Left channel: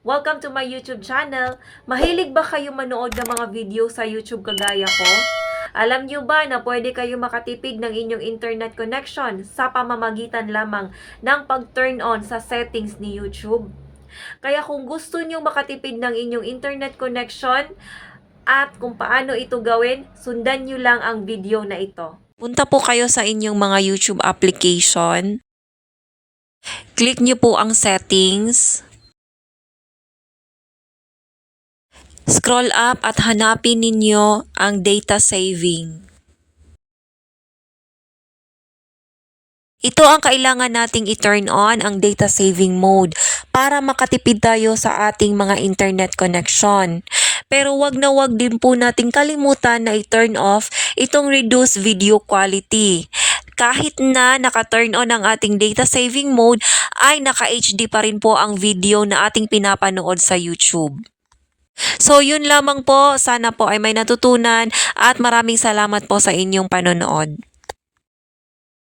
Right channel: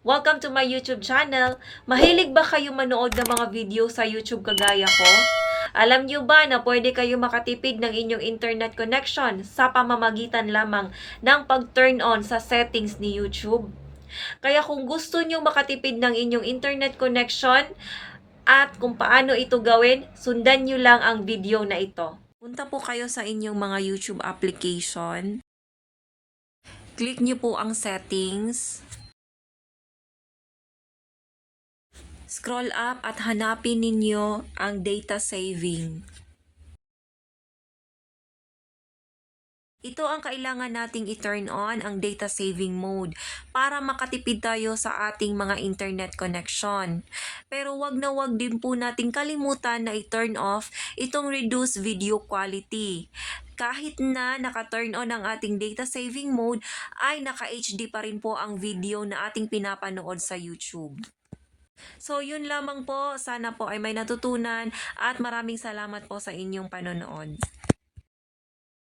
Welcome to my YouTube channel. Mahilig ba kayo manood ng mga video sa YouTube kagaya ko? Alam niyo ba na pwede kayo makatipid ng inyong internet connection sa pamamagitan lamang ng pag-turn on sa settings ni YouTube? Kaya kung gusto niyo makatipid ng inyong internet connection at kung paano ito gawin, sundan niyo lang ang video na ito. Punta po kayo sa inyong mga YouTube application. Click niyo po ang settings. Scroll up at hanapin ninyo ang data saving. Ito ang kailangan nating i-turn on, ang data saving mode, para makatipid tayo sa ating mga internet connection. Pero wag na wag din po nating kalimutan na i-turn off itong reduce video quality. Kahit na naka-turn on ang ating data saving mode, ay naka-HD pa rin po ang video na ating pinapanood sa YouTube. So yun lamang po, sana po ay may natutunan at maraming salamat po sa inyong panonood.